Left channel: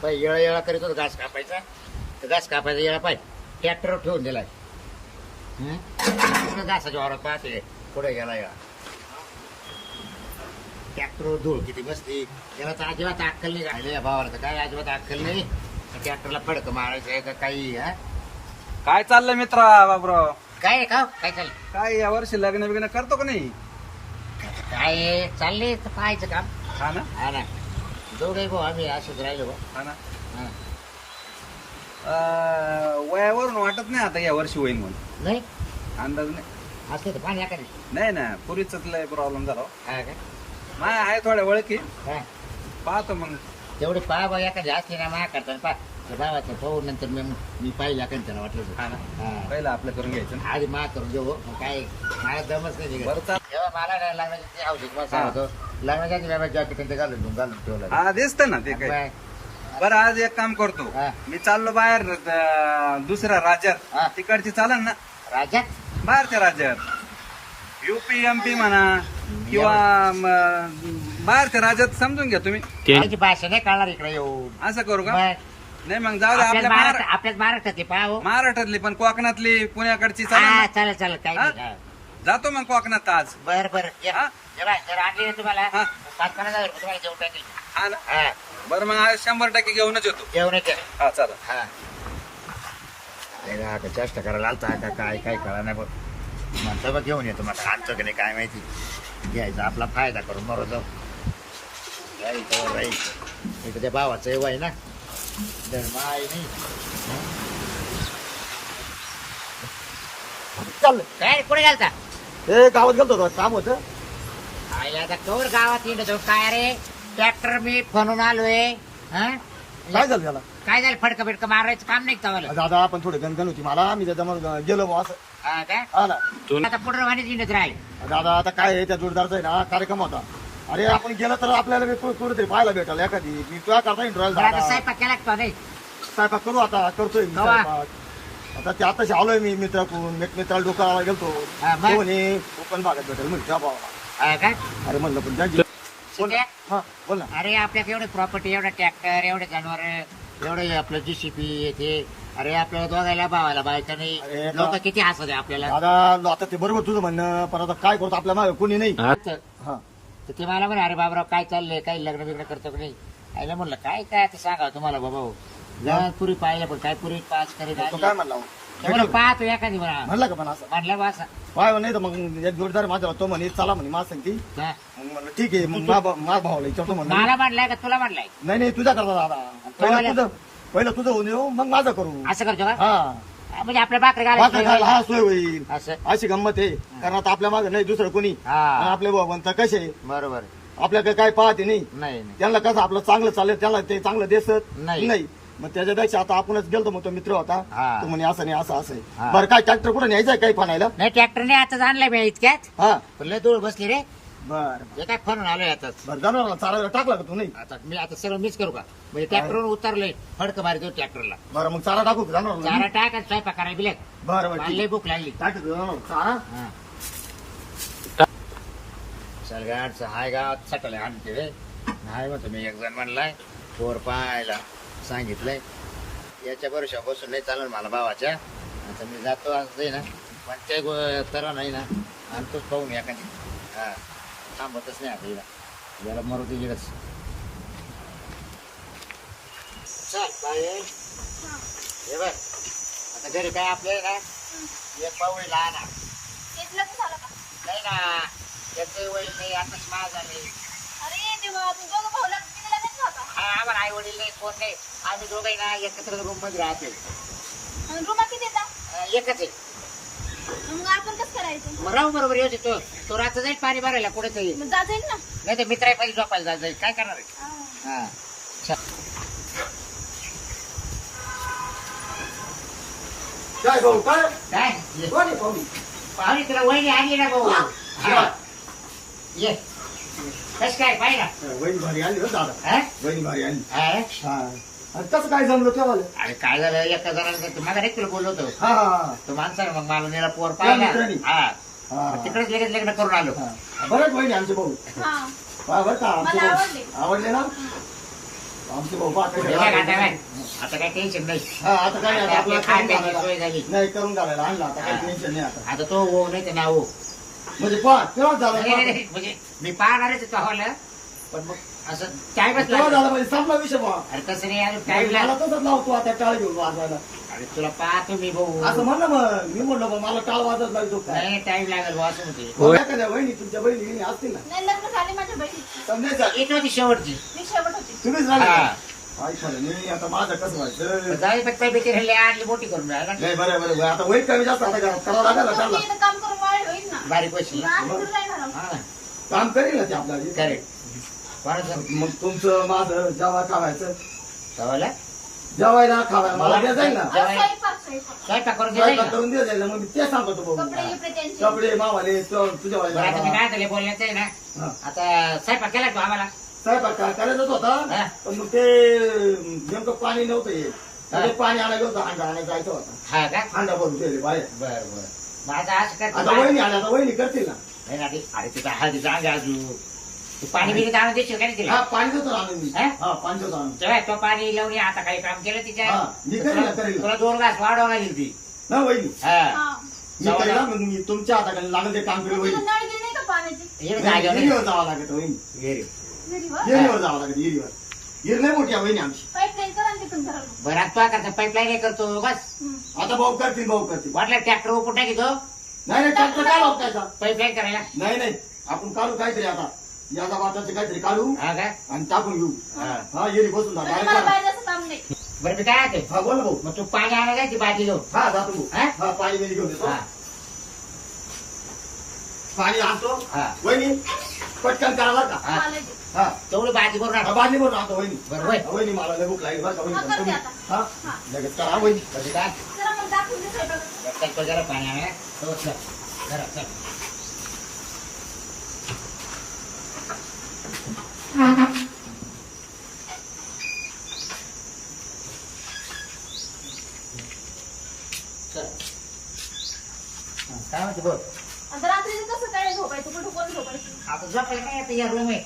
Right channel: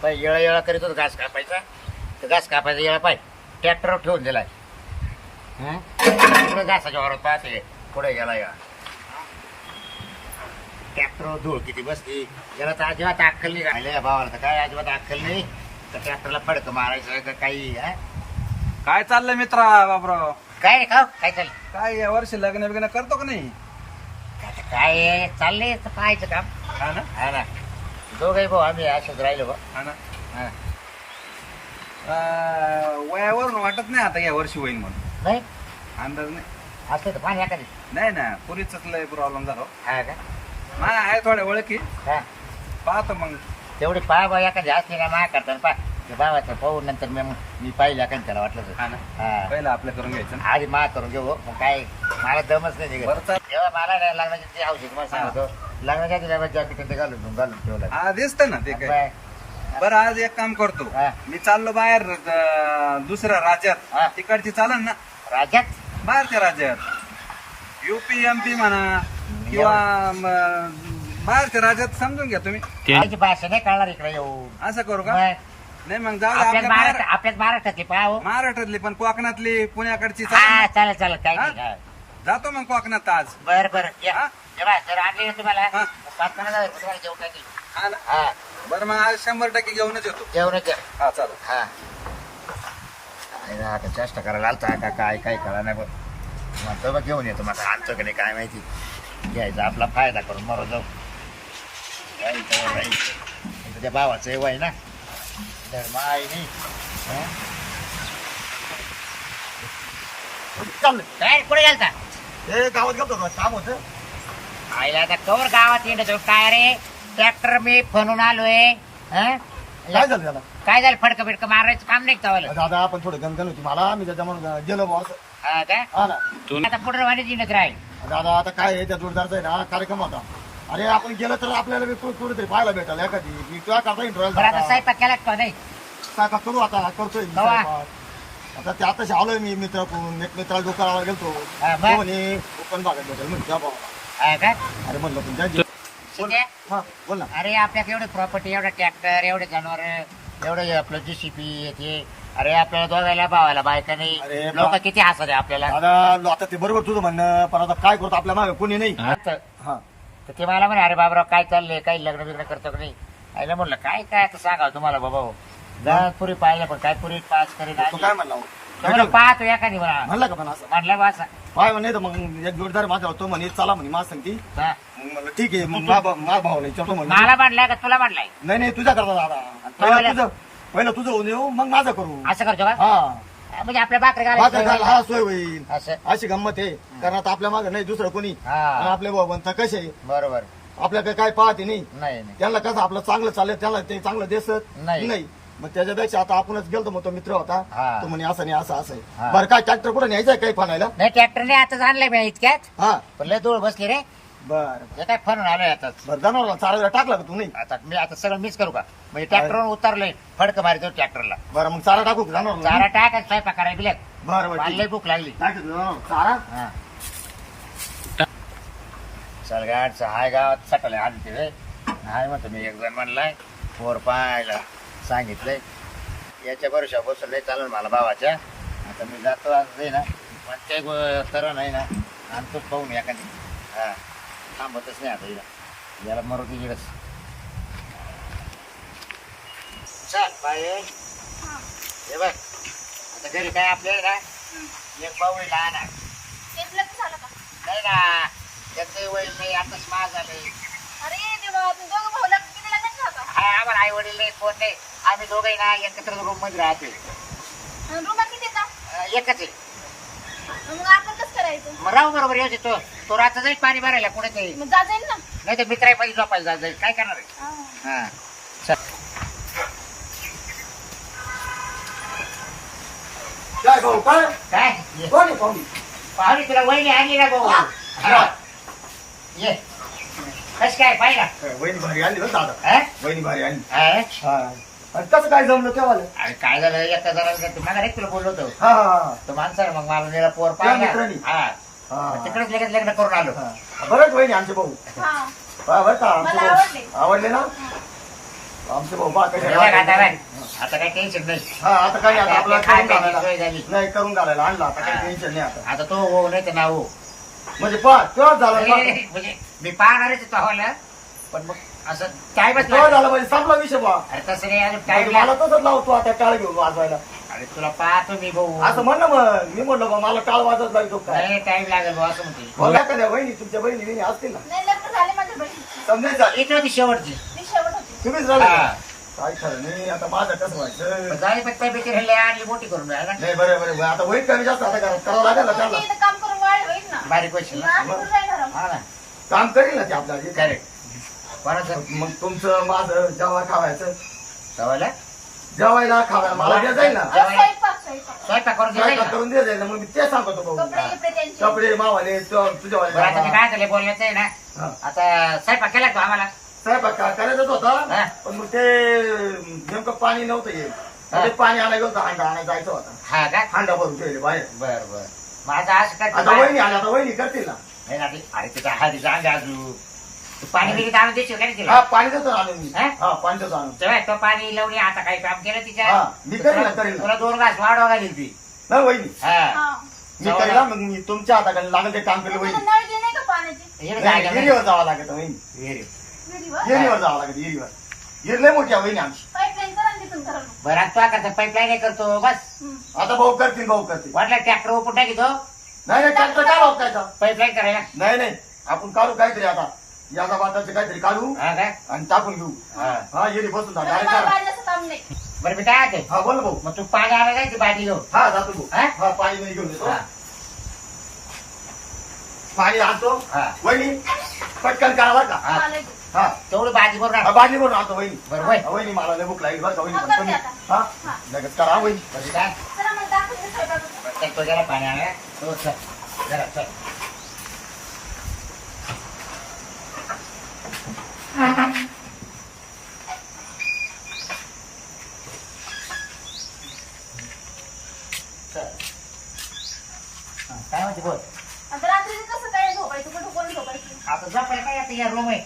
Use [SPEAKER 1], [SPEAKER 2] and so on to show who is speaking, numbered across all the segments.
[SPEAKER 1] पाय येळा येळा करीत होता घास कापायचा, तर घास कापायचा येळा पाय ट्रॅक्टरवर ठेवून दिलाय. तिकडे घासाच्या वावरात पाहते पुढे गेला या ट्रॅक्टरवर धूळ किती बसली. याला तर अजिबात अक्कल नाही राहिले या भावाला, तर काय अजिबात अक्कल नाही. तर ट्रॅक्टरला फडक मारायचं का काही.
[SPEAKER 2] काय चाललंय मित्रा बाबराव?
[SPEAKER 1] काय का काय चाललं
[SPEAKER 2] काय या वर्षी लग्न बिग्न करतो का नाही?
[SPEAKER 1] काय चाललंय तर पाहायचं काम.
[SPEAKER 2] हा ना,
[SPEAKER 1] हा ना, दोघही भाऊ आम्ही असेच राहिलो बा.
[SPEAKER 2] हा ना.
[SPEAKER 1] हा.
[SPEAKER 2] वयावरून वाटत नाही आता या वर्षी होईल म्हणून.
[SPEAKER 1] नाही
[SPEAKER 2] अंदाज नाही.
[SPEAKER 1] असते तर पाणी एखादी.
[SPEAKER 2] नाही ना, पुरीच लय प्रॉब्लेम झाला.
[SPEAKER 1] हा का.
[SPEAKER 2] माय आहे थोड्या ओळखी,
[SPEAKER 1] हा
[SPEAKER 2] पाहतो मग.
[SPEAKER 1] तेवढी पाय बा एखादी असली ना मा करताना पा त्या भावाचं पाहू नंतर मी पाहिलं एखादी त्याला वाटलं
[SPEAKER 2] हा ना,
[SPEAKER 1] हा
[SPEAKER 2] पहिलं आपलं करून घ्यायचं ना.
[SPEAKER 1] आधी मा करून घेऊ मग काय मला दमच नाही निघत.
[SPEAKER 2] बरं चाल.
[SPEAKER 1] तेव्हा मला नाही लग्नाची ते औषध तुम्हाला सांगतो लग्नाच्या आधी बाबा जॅकेट ते घालून ठेवलं.
[SPEAKER 2] हा दिसत ना ते काय.
[SPEAKER 1] बाय.
[SPEAKER 2] बरं आज एक काम करतो,
[SPEAKER 1] हा.
[SPEAKER 2] मी चाललो बाहेर दुसऱ्या
[SPEAKER 1] हा.
[SPEAKER 2] राज्यात. तिकडची चालन ना,
[SPEAKER 1] राज्यात
[SPEAKER 2] बाहेरच्या राज्यात, युपी एमपी म्हणा किंवा बाहेरच्या राज्यात समजून घ्या तुम्ही.
[SPEAKER 1] त्याची भाषा नाही कळणार इकडे येऊन.
[SPEAKER 2] असं करू का?
[SPEAKER 1] मग
[SPEAKER 2] नाही मग जाऊ दे,
[SPEAKER 1] आपल्याच
[SPEAKER 2] आपल्या
[SPEAKER 1] आपल्याच महाराष्ट्रातली पाहू.
[SPEAKER 2] महाराष्ट्रातली पण कोकणातली पुण्याकडची
[SPEAKER 1] हा
[SPEAKER 2] चालेल ना?
[SPEAKER 1] चालेल चालेल काही
[SPEAKER 2] हा?
[SPEAKER 1] नाही.
[SPEAKER 2] जातो मग कोकणात आज.
[SPEAKER 1] बर बर
[SPEAKER 2] हा?
[SPEAKER 1] जर आणली ना तुम्हाला
[SPEAKER 2] हा.
[SPEAKER 1] 5,000 रुपये तुम्हाला जेवण टाकेल.
[SPEAKER 2] हा ना.
[SPEAKER 1] हा
[SPEAKER 2] बरं मग आज 100% घेऊनच येतो.
[SPEAKER 1] जेवणाच्या.
[SPEAKER 2] हा चालेल.
[SPEAKER 1] हा आता चेष्टा करायला आलता का काय काय कळा नाही बघ. म्हणतो बघ घेऊन येतो मग आणतो की नाही काय माहिती. घ्यायचा आपला फायदा करून मरो जाऊ. राहील तर राहील. इथं त्या भावाचं वय ना धर्म आहे नाही.
[SPEAKER 3] चाललं
[SPEAKER 1] काय कुठे गेलता?
[SPEAKER 3] हे गावात गेलतो होतो, काम होतं.
[SPEAKER 1] आईला आता कवर गावात येतो काय रे. ट्रॅक्टर मी फणून आलोय. हं?
[SPEAKER 3] काय झालं त्याला?
[SPEAKER 1] काय झालं फडकं बिडकं मारायचं काम नाही चावलं.
[SPEAKER 3] दादा पण थोडी गणगण होती मला, मी त्याच्यामुळे गेलो बा असं.
[SPEAKER 1] हा काय
[SPEAKER 3] हा ना
[SPEAKER 1] आता पुढे वाणी जिनत राहील.
[SPEAKER 3] दादा आता काय आहे, त्या जोरदारचा आहे ना कार्यक्रम होता. अरे आपण गेलं तर आपल्याला बी कुठेतरी पाहायला भेटाल एखादी की तुला करता येईल
[SPEAKER 1] बरं आता स्वयंपाक केला का नाही?
[SPEAKER 3] स्वयंपाक करू आता करतोय मी
[SPEAKER 1] कवा?
[SPEAKER 3] स्वयंपाक. आता ते आताशी आलोय मी मित्राकडून एक मित्राला डोकाला गेलतो.
[SPEAKER 1] हा, मग?
[SPEAKER 3] तो म्हणे कोकण भागात भेटेल म्हणजे त्या भावाला.
[SPEAKER 1] हा काय
[SPEAKER 3] अरे म्हणलं पण त्या
[SPEAKER 1] ठीक आहे.
[SPEAKER 3] हा बोल ना.
[SPEAKER 1] अरे आपल्याकडे एवढे प्रॉपर्टी एवढे ट्रॅक्टर एवढे जनावर एवढे आपलं जीसीपी येते. अरे आपल्याला दोघायला भावायला बायका नाही.
[SPEAKER 3] अरे
[SPEAKER 1] लोक किती हसत आहे आपल्याला.
[SPEAKER 3] दादा आता ते बरोबर तुझं म्हणणं, पण आता काय करतो आपल्या मागे कोणी नाही.
[SPEAKER 1] तर
[SPEAKER 3] हा
[SPEAKER 1] ते मला म्हणे अरे बाबराव काय चाललंय काही लग्न बिग्न करतो का नाही. आईला म्हणलं काय काय आता सांगा तुम्हाला बाबा हो. लहान पुरी पाहिलं पण काय पुरी पास करीत
[SPEAKER 3] तो काय म्हणला हो?
[SPEAKER 1] तुम्हाला पाहतो एखादी म्हणा
[SPEAKER 3] म्हणला का पण असं
[SPEAKER 1] म्हणलं बस.
[SPEAKER 3] पाय नाही तर मग एक जोरदार माझा होतो म्हणे चला म्हणे माझ सांगती.
[SPEAKER 1] हा.
[SPEAKER 3] मग म्हणलं ठीक आहे, मग माझ्या भावाला विचारतो म्हणलं.
[SPEAKER 1] मला म्हणलाय का तुला म्हणलाय
[SPEAKER 3] नाही नाही तुझ्या करता दादा, पहिलं तुझं होऊन येऊ मग माझं करू.
[SPEAKER 1] असं करतो का?
[SPEAKER 3] हा
[SPEAKER 1] म्हणजे आपल्या भाकरी
[SPEAKER 3] भाकर खायला हा
[SPEAKER 1] घालायचं
[SPEAKER 3] सोय होईल.
[SPEAKER 1] असं.
[SPEAKER 3] अशी गंमत आहे, कारण आता आपल्या मागे नाही दुसरं कोणी.
[SPEAKER 1] हा.
[SPEAKER 3] आणि आपले म्हणता कसे
[SPEAKER 1] बरोबर.
[SPEAKER 3] आपल्याकडे काय पाहते नाही.
[SPEAKER 1] नाही नाही
[SPEAKER 3] त्यांना कसं आपलं चांगलं चाललं त्याला ते चांगलं दिसत
[SPEAKER 1] नाही.
[SPEAKER 3] नाही. मग त्याच्यापेक्षा आता आपणच गेलतो, मग तो मित्र होता
[SPEAKER 1] हा.
[SPEAKER 3] तो म्हणे असं नाही असं असं
[SPEAKER 1] हा.
[SPEAKER 3] आहे. बरं काय ट्रॅक्टर कुठे न्यायचंय काही फाणायला?
[SPEAKER 1] नाही ट्रॅक्टरने आताच आणलंय मी इतक्यात.
[SPEAKER 3] हा
[SPEAKER 1] पण लय धूळ बसली रे.
[SPEAKER 3] बरं
[SPEAKER 1] हे काय फरून आलोय आताच.
[SPEAKER 3] बरं जनावराला चारा टाकला का तू? नाही
[SPEAKER 1] आता मी आता सगळं मिस करू का म्हणजे ट्रॅक्टरवर उतरलंय फडक मारितो ट्रॅक्टरला.
[SPEAKER 3] बरं मग चारा टाकू का जनावराला?
[SPEAKER 1] चारा टाक आणि स्वयंपाक करायला बिलक.
[SPEAKER 3] बरं बरं
[SPEAKER 1] मला
[SPEAKER 3] ठीक
[SPEAKER 1] लय
[SPEAKER 3] आहे.
[SPEAKER 1] भूक लागली.
[SPEAKER 3] टाकतो जनावराला चारा.
[SPEAKER 1] हा. चल गाडचं हाय गावात सटले आणते रे. हाय म्हणतो मी एक जण म्हणलाय पोर पाहायला सांगितलंय. याच्या भरोशा बसून नाही चालेल मला भावाच्या. आता मी जातो असं ना पण ते तर नाही ना आणि तोच पाहून एखादी. हा थांबतच नाही आता हिला याला मरुती जिडच. चल बाय. हे बघ आता घरी काय आपल्याला ना एक भाऊ आहे लहान आहे.
[SPEAKER 4] तेच लग्न झालं का?
[SPEAKER 1] नाही ना त्याचंही वय नाही आताच माझ झालंय.
[SPEAKER 4] अरे देवा, तू दोघं भाऊ लग्न किती लग्नाचं होता?
[SPEAKER 1] हा आम्हाला आई वडील नाही कोण नाही. आम्ही दोघे ना एकत्र रूम मध्ये राहतोय.
[SPEAKER 4] रुमा किती येतात?
[SPEAKER 1] एकच आहे.
[SPEAKER 4] मग आपण कसं करायचं?
[SPEAKER 1] मग राहू बरोबर येऊ तो तो रात्र जाईल पाणी भरायला कुठे तरी.
[SPEAKER 4] मग जा जाईल ना.
[SPEAKER 1] नाही तर मित्रामध्ये झोपायला जाईल काय करणार आहे.
[SPEAKER 4] हा.
[SPEAKER 1] हा चल.
[SPEAKER 3] काय भाऊ काय
[SPEAKER 1] काय
[SPEAKER 3] कोण आहे पाहुणे?
[SPEAKER 1] पाहुणे तुला वहिनी आणली ना भाऊ. हा. ये कस काय पाहिला.
[SPEAKER 3] वहिनी भारी आली ना दादा,
[SPEAKER 1] हा?
[SPEAKER 3] वहिनी भारी आली.
[SPEAKER 1] हा?
[SPEAKER 3] हा आणि कसं काय जमलं तेव्हा?
[SPEAKER 1] अरे काय झालं एका जणाला मला नाही तुला बोललो होतो
[SPEAKER 3] हा हा
[SPEAKER 1] तो माणसाला मग मला निरा पोर
[SPEAKER 3] त्या
[SPEAKER 1] पाहिला.
[SPEAKER 3] मित्रांनी?
[SPEAKER 1] हा
[SPEAKER 3] हा
[SPEAKER 1] मग तिकडेच लगेच लग्न करून आलो.
[SPEAKER 3] हा. बरेच वहिनी आमचे भाऊ.
[SPEAKER 4] हा.
[SPEAKER 3] हा बरं का आमचे
[SPEAKER 4] मला
[SPEAKER 3] भाऊ
[SPEAKER 4] आवडले.
[SPEAKER 3] आवडले ना. आमचे भाऊ बा कसे
[SPEAKER 1] हे बघ आता बाय, आता काही टेन्शन नाही.
[SPEAKER 3] हा आता काय नाही, आता आपल्याला
[SPEAKER 1] काय
[SPEAKER 3] करून
[SPEAKER 1] प्यायची
[SPEAKER 3] घालायला
[SPEAKER 1] सोय झाली.
[SPEAKER 3] नाही करून घालायला आणला आता काही
[SPEAKER 1] हा.
[SPEAKER 3] टेन्शन नाही आता
[SPEAKER 1] आता तो हो नाही तर ना हो.
[SPEAKER 3] म्हणजे पहा तेव्हा झाला
[SPEAKER 1] अरे, म्हणजे मी पाहणारच तो हवाला, पण मग असं टाइमच
[SPEAKER 3] तेव्हा
[SPEAKER 1] लागला.
[SPEAKER 3] झालं म्हणजे संपला विषय बा
[SPEAKER 1] अरे तसं नाही, अजून टाइम
[SPEAKER 3] मला
[SPEAKER 1] लागला.
[SPEAKER 3] तसंच लावतो आता टाळ घेऊन वाजवायला
[SPEAKER 1] अरे तुला पाहतो मी भाऊ.
[SPEAKER 3] असं म्हण ना मग मी म्हणलं बा मला टाळ वाजत लागतो काय
[SPEAKER 1] नाही टाइम लागेल भाऊ असं म्हणते.
[SPEAKER 3] बघा कद्या बहिणी तुमच्या बहिणी बिणी असतील ना
[SPEAKER 4] नाही लग्न झाले माझ्या बहिणीची.
[SPEAKER 3] समजायचं
[SPEAKER 1] येत होती शेवटची.
[SPEAKER 4] मी शेवट होती.
[SPEAKER 3] तुम्हीच झालं
[SPEAKER 1] हा.
[SPEAKER 3] का? काय खरं नाही आता माझं कसं व्हायचं
[SPEAKER 1] जाई पण तब्येती राहिली आणली मोठी करून राहिला.
[SPEAKER 3] नाही बरं बरं आता होईल कमी जास्त आता करावं लागेल ना
[SPEAKER 4] मग
[SPEAKER 3] त्याला
[SPEAKER 4] मी इथं काम करून वाढ होईल ना.
[SPEAKER 1] बारीक पैसे
[SPEAKER 4] मग
[SPEAKER 1] ना.
[SPEAKER 4] आम्ही कुठं राहणार आहोत?
[SPEAKER 1] हा ना
[SPEAKER 3] काम करेल ना ते आपल्याला
[SPEAKER 1] करेक्ट. कोणाचं
[SPEAKER 3] मग तुमचं माझं जेव्हा खावायचं
[SPEAKER 1] सवायला
[SPEAKER 3] जेवायला खावायला मला द्या जाईल ना
[SPEAKER 1] जेवायला.
[SPEAKER 4] स्वयंपाक स्वयंपाक.
[SPEAKER 1] स्वयंपाक करून
[SPEAKER 3] स्वयंपाक
[SPEAKER 1] द्यायला.
[SPEAKER 3] करून द्या जाईल ना मग मी ते सांगतो भाऊ
[SPEAKER 4] कपडे गिपडे त्यांचे.
[SPEAKER 3] कपडे मावाले तुझ्यावाले
[SPEAKER 1] बरं आता मी काय झालं बोलण्याचं आहे ना.
[SPEAKER 3] हा.
[SPEAKER 1] आता स्वयंपाक केला तो आम्हाला.
[SPEAKER 3] स्वयंपाक करायचाच
[SPEAKER 1] हा.
[SPEAKER 3] होता पण मग ते नेमकं पाणी नव्हतं येत
[SPEAKER 1] हा.
[SPEAKER 3] ते पाणी आणायला होतं हांडा आणायला जायचं होता
[SPEAKER 1] हा का
[SPEAKER 3] हांडा भरून ठेवले बाहेर
[SPEAKER 1] बर बर. मग आता असं काय
[SPEAKER 3] आता वहिनी आल्या आता वहिनी करतील ना
[SPEAKER 1] नाही ना ते- अरे तिचा हळदीचा अंग आजू तू पाणी बिरी आणून देशील का नाही तिला.
[SPEAKER 3] हा पाणी देतो ना आणून मी
[SPEAKER 1] हा?
[SPEAKER 3] हा पाणी देतो आणून
[SPEAKER 1] तेव्हा तो पाणी लावून आता काही काम केलं तिच्या.
[SPEAKER 3] हा, मी करीन ना, करीन ना.
[SPEAKER 1] तुला 2 घास वाढवा घालील ती.
[SPEAKER 3] ना वहिनी
[SPEAKER 1] हा
[SPEAKER 4] हा.
[SPEAKER 3] मी करीन ना, मग मी तुमच्या हाताखाली लागेल ते काम केलं
[SPEAKER 4] मग
[SPEAKER 3] वहिनी
[SPEAKER 4] तिथं नळ गेले का पाण्याचे?
[SPEAKER 1] इकडे जायचं नाही.
[SPEAKER 3] येरीवर जावं लागत वहिनी
[SPEAKER 1] वेरी.
[SPEAKER 4] विहिरीवर?
[SPEAKER 3] येरीवर जावं लागत येरीवर येर लय मोठी आहे वहिनी आमची
[SPEAKER 4] पाईपलाईन करा ना तिथून घराला.
[SPEAKER 1] बरं आता करता पाईपलाईन करतो बस.
[SPEAKER 3] आता भाऊ करतील
[SPEAKER 1] वाटलं ट्रॅक्टर ओपून टाकीतो
[SPEAKER 3] नाही नाही ट्रॅक्टर काय लावतायचा
[SPEAKER 1] पाईपलाईन करायला.
[SPEAKER 3] नाही नाही आपण काढू काहीतरी आता याचा वाटाचं काहीतरी काढू
[SPEAKER 1] हा काय
[SPEAKER 3] आणि टाकून घेऊ
[SPEAKER 1] हा.
[SPEAKER 3] हा येरी बसून जा
[SPEAKER 4] मला
[SPEAKER 3] डायरेक्ट
[SPEAKER 4] बाहेर जायचं काम नाही.
[SPEAKER 1] बरं मी काय आहे
[SPEAKER 3] हा बोल भाऊ
[SPEAKER 1] मग तू पाणी आणायला जायची बाटली घेऊन.
[SPEAKER 3] हा जातो भाऊ
[SPEAKER 1] हा?
[SPEAKER 3] हा पाणी बिणी घेऊन येतो
[SPEAKER 1] हा.
[SPEAKER 3] पाणी आणतो
[SPEAKER 1] हा.
[SPEAKER 3] वहिनी पटकन करा बरं का
[SPEAKER 1] हा.
[SPEAKER 4] मला दे.
[SPEAKER 3] हा
[SPEAKER 1] तेवढं भाजी बरोबर
[SPEAKER 3] हा, बादली भरून आणतो वहिनी
[SPEAKER 1] बरं वय.
[SPEAKER 3] हा, वहिनी मला लय भूक लागली बरं का वहिनी
[SPEAKER 4] हा,
[SPEAKER 3] पण
[SPEAKER 4] करते
[SPEAKER 3] तुम्ही
[SPEAKER 4] आता.
[SPEAKER 3] हा
[SPEAKER 4] हा.
[SPEAKER 3] लगेच करा हा, वहिनी
[SPEAKER 1] बरं काय
[SPEAKER 4] चला मग दाखवून दे स्वयंपाक.
[SPEAKER 1] बरं चल तो जरा पाणी आणा. हो चल जरा चल. चल. हा, काय म्हणते बोल.
[SPEAKER 4] आता रात्री कसं काय झोपायचं कुठं कोण झोपायचं?
[SPEAKER 1] आता झोपायला काय आता या रूम आहे.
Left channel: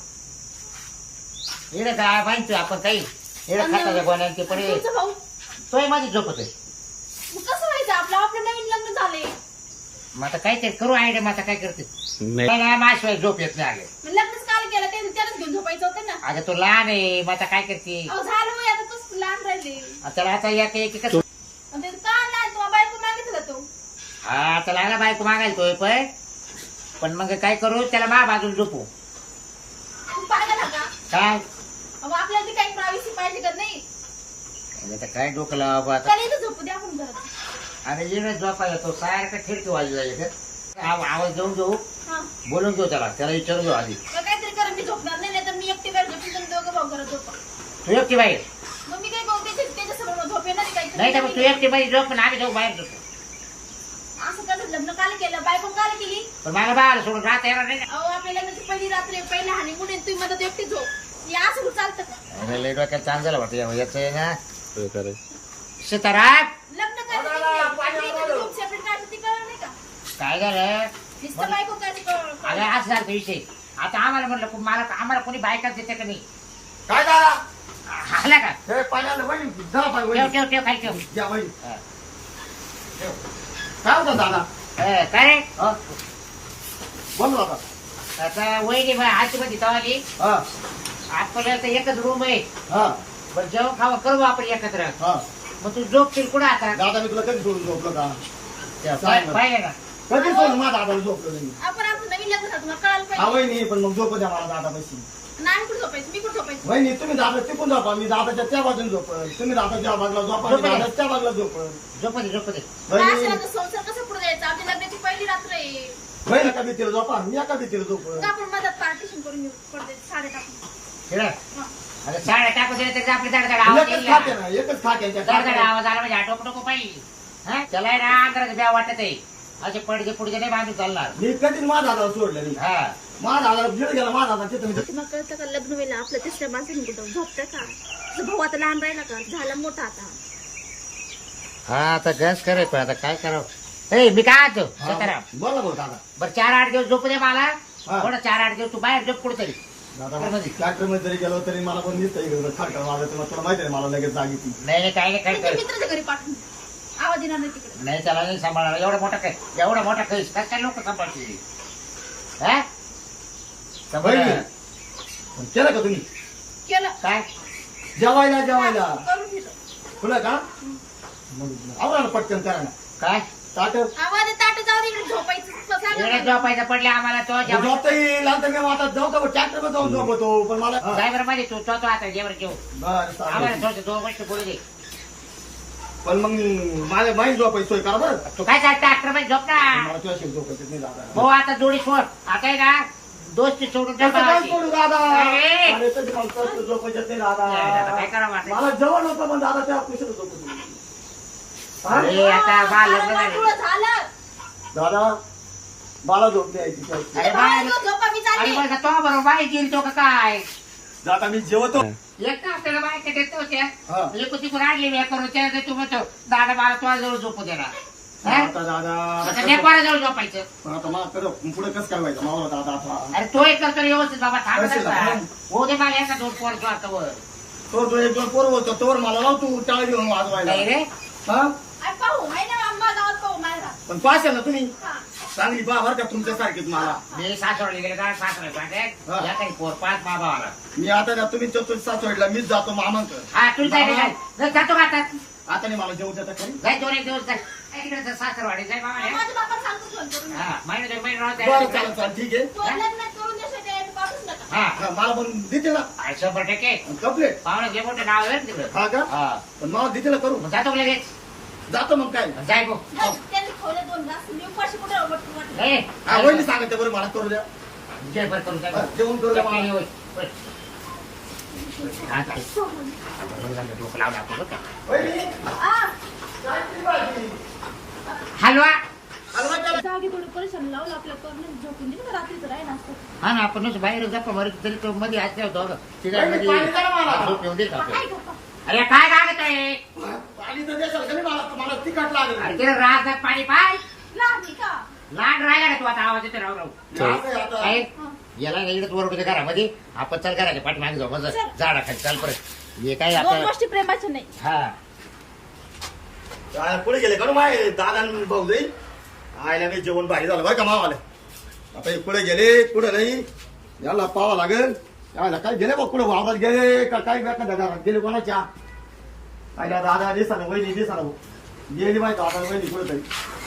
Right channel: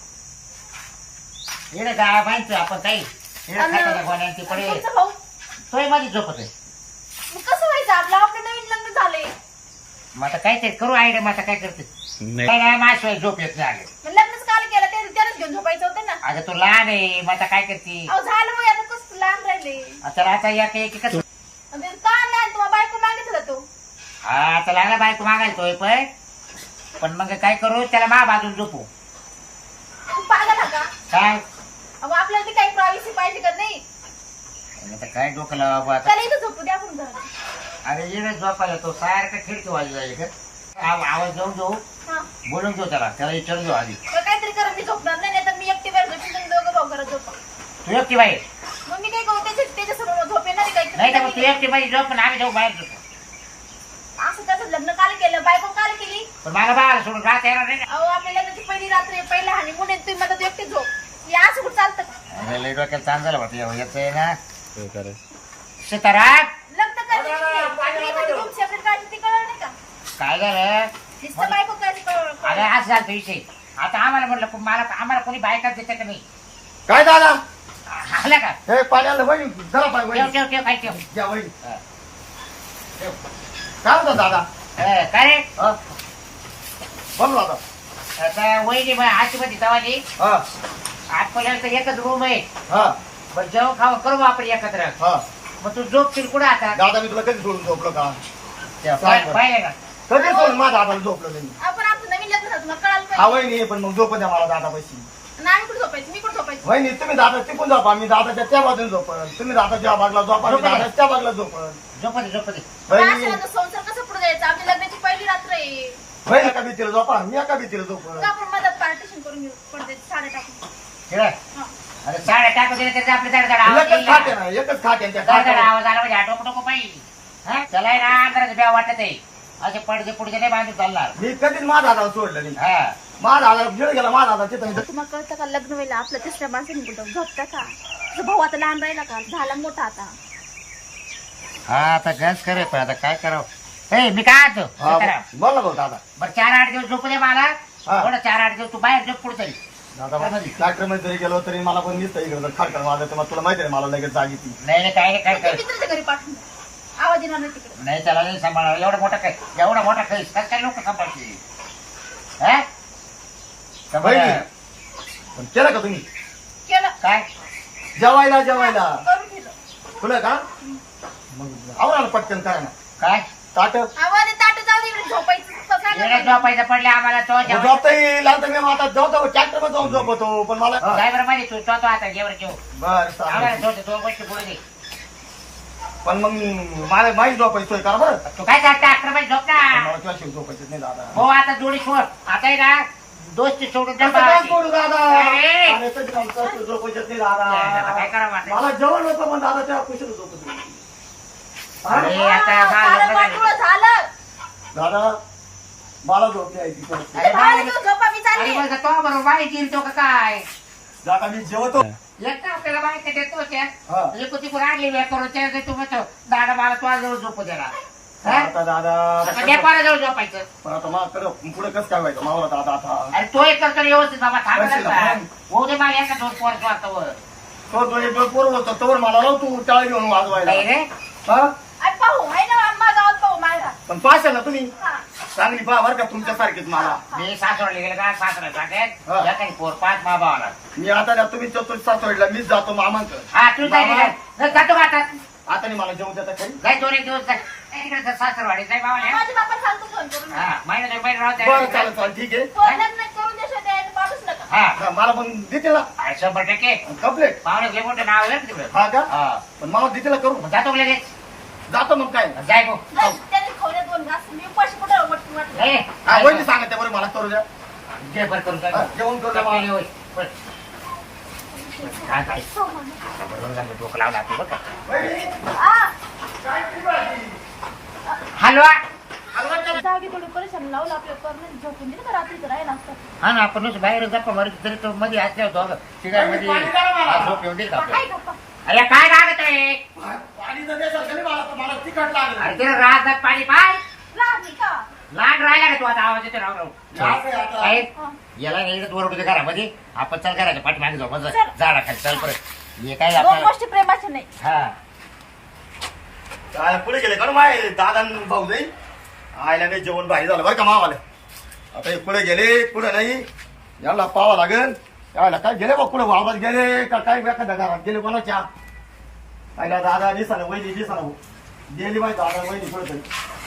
[SPEAKER 1] इकडे काय माहिती आपण काही इकडे
[SPEAKER 4] आणि-
[SPEAKER 1] खाटाच्या गोण्यात ते
[SPEAKER 4] आणि
[SPEAKER 1] पडे
[SPEAKER 4] तुमचं भाऊ
[SPEAKER 1] तोय मध्ये झोपत आहे.
[SPEAKER 4] मग कसं व्हायचं आपलं नवीन लग्न झालंय.
[SPEAKER 1] मग आता काय ते करू आयडिया मग आता काय करते काय नाही माझ्याशिवाय झोप येत नाही आले.
[SPEAKER 4] मग लग्नच काल केलं ते त्यालाच घेऊन झोपायचं होतं ना.
[SPEAKER 1] आता तो लहान आहे मग आता काय करते.
[SPEAKER 4] अहो झालं वय आता कसं लहान राहिले.
[SPEAKER 1] त्याला आता या की कसं
[SPEAKER 4] आणि ते का लहान तुम्हाला बायको मागितलं का तो?
[SPEAKER 1] हा आता लागला बायको मागायचोय पण मग काय करू त्याला मा बाजून झोपू
[SPEAKER 4] तू पागल का?
[SPEAKER 1] काय
[SPEAKER 4] अहो आपल्याला ती काही प्रायव्हसी पाहिजे का नाही?
[SPEAKER 1] आता काय डोकं लावा बा आता.
[SPEAKER 4] त्याला इथं झोपू द्या आपण घरात.
[SPEAKER 1] अरे इकडे झोपायला तो सारखं खिडकी वाजू जाईल आवाज देऊन घेऊ
[SPEAKER 4] हा
[SPEAKER 1] बोलून घेऊ त्याला विचारून घेऊ आधी.
[SPEAKER 4] मग काहीतरी करा मी झोपणार नाही तर मी एकटी बाहेर झोपीन तुम्ही दोघं भाऊ घरात झोपा.
[SPEAKER 1] तू एकटी बाई
[SPEAKER 4] मग मी काय करू त्याच्यासमोर झोप येणार आहे
[SPEAKER 1] नाही तर मग तू
[SPEAKER 4] काही?
[SPEAKER 1] एकटी बाई झोप पण आम्ही जाऊ बाहेर झोपू.
[SPEAKER 4] असं कसं लग्न काल केलं बायको काल केली?
[SPEAKER 1] पण मला बाहेर सोडून राहता येणार नाही ना.
[SPEAKER 4] अहो आपल्या लग्नाची पहिली रात्र आहे, पहिला हानी म्हणून तुम्ही मला तू एकटी झोप. हे असं कुठं चालतं का?
[SPEAKER 1] अरे लई डोक्यात ताण झाला वाटतं याचं आहे ना सीताराम.
[SPEAKER 4] लग्न करायचं रूम सेपरेट काढायची ती कळलं नाही का?
[SPEAKER 1] काय झालं
[SPEAKER 4] नुसतं बायको करायची
[SPEAKER 1] अरे असं झालं तो विषय. आता आम्हाला म्हटलं मला आम्हाला कोणी बायकाच देते का नाही.
[SPEAKER 3] काय झाला
[SPEAKER 1] आला का
[SPEAKER 3] हे पाणी आलं वहिनी जरा पाय
[SPEAKER 1] ठेव
[SPEAKER 3] वहिनी
[SPEAKER 1] ठेव ठेव काय ठेव.
[SPEAKER 3] घ्या वहिनी
[SPEAKER 1] हा.
[SPEAKER 3] काय होतं दादा
[SPEAKER 1] काय रे
[SPEAKER 3] हा बोल ना आता
[SPEAKER 1] आता वहिनी आजची मध्ये तवाली
[SPEAKER 3] हा
[SPEAKER 1] आपल्याला तर एकच रूम आहे.
[SPEAKER 3] हा
[SPEAKER 1] बरं जेवण खावं करू आपण एकत्र.
[SPEAKER 3] हा
[SPEAKER 1] मग तू झोपशील कुठं आता
[SPEAKER 3] दादा मी तुला कधी सोडून झोपलो का
[SPEAKER 1] पाहिजे ना.
[SPEAKER 3] कधी सोडून माझा दादाला झोपलो नाही
[SPEAKER 4] आपण आमचं नवीन लग्न झालं तुम्हाला कळायला
[SPEAKER 3] हा
[SPEAKER 4] पाहिजे.
[SPEAKER 3] वहिनी पण मग झोप द्या मला दादा पैसे
[SPEAKER 4] आणि आम्ही कुठं झोपायचं? मी कुठं झोपायचं?
[SPEAKER 3] वहिनी तुम्ही दादा तिकून झोपा मी दादाच्या त्या बाजूने झोपल तुम्ही दादाच्या बाजूला झोपा मी दादा त्या बाजूला झोपल
[SPEAKER 1] झोपते झोपते.
[SPEAKER 3] वहिनी
[SPEAKER 4] अशाला तर संसार कसं पुढे जायचं? आपली लग्नाची पहिली रात्र आहे.
[SPEAKER 3] वहिनी एका भीतीला झोपा मी एका भीतीला झोपल
[SPEAKER 4] मग आपण मदत पार्टिशन करून घेऊ पडते साड्या टाकून.
[SPEAKER 1] ठेवा.
[SPEAKER 4] हा.
[SPEAKER 1] अरे साड्या टाकू दिले तरी आपली धडधड
[SPEAKER 3] एकच खाट आहे
[SPEAKER 1] आवाज
[SPEAKER 3] ना एकच खाट आहे त्या
[SPEAKER 1] धडधड
[SPEAKER 3] खाटावर.
[SPEAKER 1] आवाज आला म्हणजे आटोप टोको पाहिजे. हा त्याला आहे ना अंधाराचं ब्या वाटत आहे. असे पडदे पुढचे नाही बांधून चालणार.
[SPEAKER 3] मी कधीच माझा दादाला सोडलं नाही
[SPEAKER 1] हा
[SPEAKER 3] माझा दादा गिळ गेला माझा दादा चित्र
[SPEAKER 4] तुम्हाला कळतं का लग्न व्हायला आपलं तिसऱ्या माणसाने कुठं झोपतं का? तुझा भाऊ आता लहान राहिला का? झाला मोठा आता.
[SPEAKER 1] हा आता गॅस करे पण आता काय करावं. ए मी काय आता
[SPEAKER 3] बोल ना भाऊ दादा
[SPEAKER 1] बरं 4-8 दिवस झोपू दे मला.
[SPEAKER 3] हा.
[SPEAKER 1] थोडं 4-8 दिवस तू बाहेर झोप कुठतरी.
[SPEAKER 3] दादा ट्रॅक्टर मध्ये जरी गेलो तरी मला पण दिसतं इकडे खडखड वाजत मग तुला माहिती आहे मला लगेच जाग येते.
[SPEAKER 1] नाही काय नाही काय
[SPEAKER 4] तुमच्या
[SPEAKER 1] कर
[SPEAKER 4] मित्राच्या घरी पाठवून द्या. आवाज येणार नाही तिकडे.
[SPEAKER 1] नाही त्याला नाही सांभाळा एवढा मोठा काही काय लोक सांभाळते हा? सांभाळ.
[SPEAKER 3] बहिणी. पण केलं का तुम्ही
[SPEAKER 4] केलं
[SPEAKER 1] काय
[SPEAKER 3] जेवायला
[SPEAKER 4] करून दिलं.
[SPEAKER 3] तुला का मग आवरा ना पटकन करा ना
[SPEAKER 1] काय
[SPEAKER 3] ताट
[SPEAKER 4] आवाज ताट जाऊ दे इकडे झोपायचं
[SPEAKER 1] येण्यात
[SPEAKER 4] बसायला.
[SPEAKER 1] झोपायचं पडले आम्हाला तो
[SPEAKER 3] झोपता येईल आता मी आता जाऊ ट्रॅक्टर मध्ये जाऊन झोपतो पण मला
[SPEAKER 1] ड्रायव्हर मध्ये तू तो आता जेवण जेव
[SPEAKER 3] बरं
[SPEAKER 1] आम्हाला
[SPEAKER 3] चालेल
[SPEAKER 1] दोन गोष्टी पुढे दे.
[SPEAKER 3] पण मग मला माहीत झोपायची सोय करा बरं
[SPEAKER 1] तू काय चालतं अकरा मध्ये झोप ना
[SPEAKER 3] मला तुझ्या शिव झोपायचं नाही दादा
[SPEAKER 1] हो आता जोडी सोड आता आहे ना दोस्ती सोडून
[SPEAKER 3] कसं काय
[SPEAKER 1] झोपायची.
[SPEAKER 3] करू दादा
[SPEAKER 1] अरे.
[SPEAKER 3] अरे, कधी मला तुझ्या झोपायचं नाही
[SPEAKER 1] नाही, आता
[SPEAKER 3] दादा
[SPEAKER 1] काय करावं आता?
[SPEAKER 3] मला जेवण नको पण दादा त्या कुशल झोपतो
[SPEAKER 1] अरे, आता झालं
[SPEAKER 4] झालं
[SPEAKER 1] बघा.
[SPEAKER 4] वाटोळं झालं.
[SPEAKER 3] दादा मला झोप द्यायची
[SPEAKER 1] अरे
[SPEAKER 4] बाहेर
[SPEAKER 1] बाई,
[SPEAKER 4] घेऊन झोपा, मी
[SPEAKER 1] अरे
[SPEAKER 4] चालले.
[SPEAKER 1] बघा, तो बरोबर बाई गिरतो का काय
[SPEAKER 3] दादा मी जेवतो
[SPEAKER 1] एक तर आपल्याला बाहेर देतो त्या
[SPEAKER 3] हा.
[SPEAKER 1] एक ती आणली वेळ करून त्या तू म्हणतो दादा मला तो जवळ झोपू देणार हा?
[SPEAKER 3] आता दादा
[SPEAKER 1] आता नेपाळला जाऊन झोपायचं
[SPEAKER 3] पण आता मला कर पुढे कसं काय व्हायचं मला दादा आता
[SPEAKER 1] अरे तो एक करतो व्यवस्थित बाबा
[SPEAKER 3] करशील ना?
[SPEAKER 1] थांबा हो दे मला यांना दोन पोर स्वार्थवर
[SPEAKER 3] तो एक पोर होतो तोवर मला लाव तू टाळ घेऊन वाजवायला
[SPEAKER 1] नाही रे
[SPEAKER 3] हा
[SPEAKER 4] अरे पाहू आहे ना आम्हा गावात पाहू मायरा.
[SPEAKER 3] पण पाहशाल ना तुम्ही
[SPEAKER 4] हा.
[SPEAKER 3] चांगली पहा बरं का तुमच्यासारखीच मला
[SPEAKER 1] मी सासवडला गेले का सासरा
[SPEAKER 3] हा.
[SPEAKER 1] सांगेल या काही पोर पाच मा भावाला
[SPEAKER 3] मी आता ना तुम्ही सासवडला मीच जातो मामांक
[SPEAKER 1] हा तू जाईल
[SPEAKER 3] मामा.
[SPEAKER 1] जातो का आता
[SPEAKER 3] आता नाही मला जेवू देता खरी
[SPEAKER 1] जाय दोन एक दिवस जाय तिकडे सासरवाडी जाय बाबा
[SPEAKER 4] माझ्या बापाला सांगतो फोन करून.
[SPEAKER 1] हा महिना दोन महिने राहू
[SPEAKER 3] बरं
[SPEAKER 1] द्या.
[SPEAKER 3] चालेल चालेल ठीक आहे
[SPEAKER 4] फोन लग्न करून देशात यायला पाठवूच नका.
[SPEAKER 1] हा
[SPEAKER 3] हा, मला पण देतील ना
[SPEAKER 1] अरे 100%
[SPEAKER 3] कम्प्लेट
[SPEAKER 1] पाहुणे लय मोठं नाव आहे रे तिकडं
[SPEAKER 3] हा का
[SPEAKER 1] हा
[SPEAKER 3] पण मला देतील ना करू
[SPEAKER 1] मग जातो का लगेच
[SPEAKER 3] जातो मग काय
[SPEAKER 1] जाय भाऊ
[SPEAKER 4] जाऊ, त्यांनी खावले 2 घास. मी उपाशी कुठे वाटतो वाटलं.
[SPEAKER 1] नाही
[SPEAKER 3] हा वहिनी सांगा त्या बरं मला करू द्या
[SPEAKER 1] जय भर करून
[SPEAKER 3] हा, जेवण करू द्या मला.
[SPEAKER 1] डोकं लावला तू बघ
[SPEAKER 3] वहिनी,
[SPEAKER 4] आ,
[SPEAKER 3] काय केली भाजी?
[SPEAKER 1] हलवा
[SPEAKER 3] हलवा केला?
[SPEAKER 4] जागी थोडी परेशान लावलं आपल्या करणं झोपून दिलं का रात्रीचं राहिला असतं.
[SPEAKER 1] हा ना आपण बाहेर गप्पा मारू तरी तो मध्ये असल्या होतो तिघांमध्ये
[SPEAKER 3] पाणी द्या मला.
[SPEAKER 1] झोप येऊन देईल का
[SPEAKER 4] काय
[SPEAKER 1] आपल्याला?
[SPEAKER 4] गप्पा?
[SPEAKER 1] अरे काय लागत आहे
[SPEAKER 3] पाणी तर देशाल का नाही मला मला तिखट
[SPEAKER 1] अरे
[SPEAKER 3] लागेल
[SPEAKER 1] तिला राजदात पाणी पाय
[SPEAKER 4] लहान आहे का?
[SPEAKER 1] लहान राहिला का तू आता आवाज येतो राव राव
[SPEAKER 3] असं आहे आता.
[SPEAKER 1] आहे?
[SPEAKER 4] हा.
[SPEAKER 1] याला इकडे वर होते घरामध्ये आपण चल घराच्या पाठी मागे जाऊ मग
[SPEAKER 4] चल.
[SPEAKER 1] झाडाखाली चल परत हे काय
[SPEAKER 4] 2
[SPEAKER 1] आपलं
[SPEAKER 4] गोष्टी प्रेमाच्या नाही.
[SPEAKER 1] हा
[SPEAKER 3] काय पुढे गेले का माय दादा न भाऊ जाईल आयला नाही जेवण भारी झालं बरं का मावाले आता हे पुढे गेले पुढे नाही याला पावा लागेल यायला काय गेले बघ पुढे वावरात गेले का काय एखाद्या घरात गेले कोणाच्या आयला दादा दिसा ना वहिनी दिसा ना गेली माहिती दादा वहिनी पुढे तरी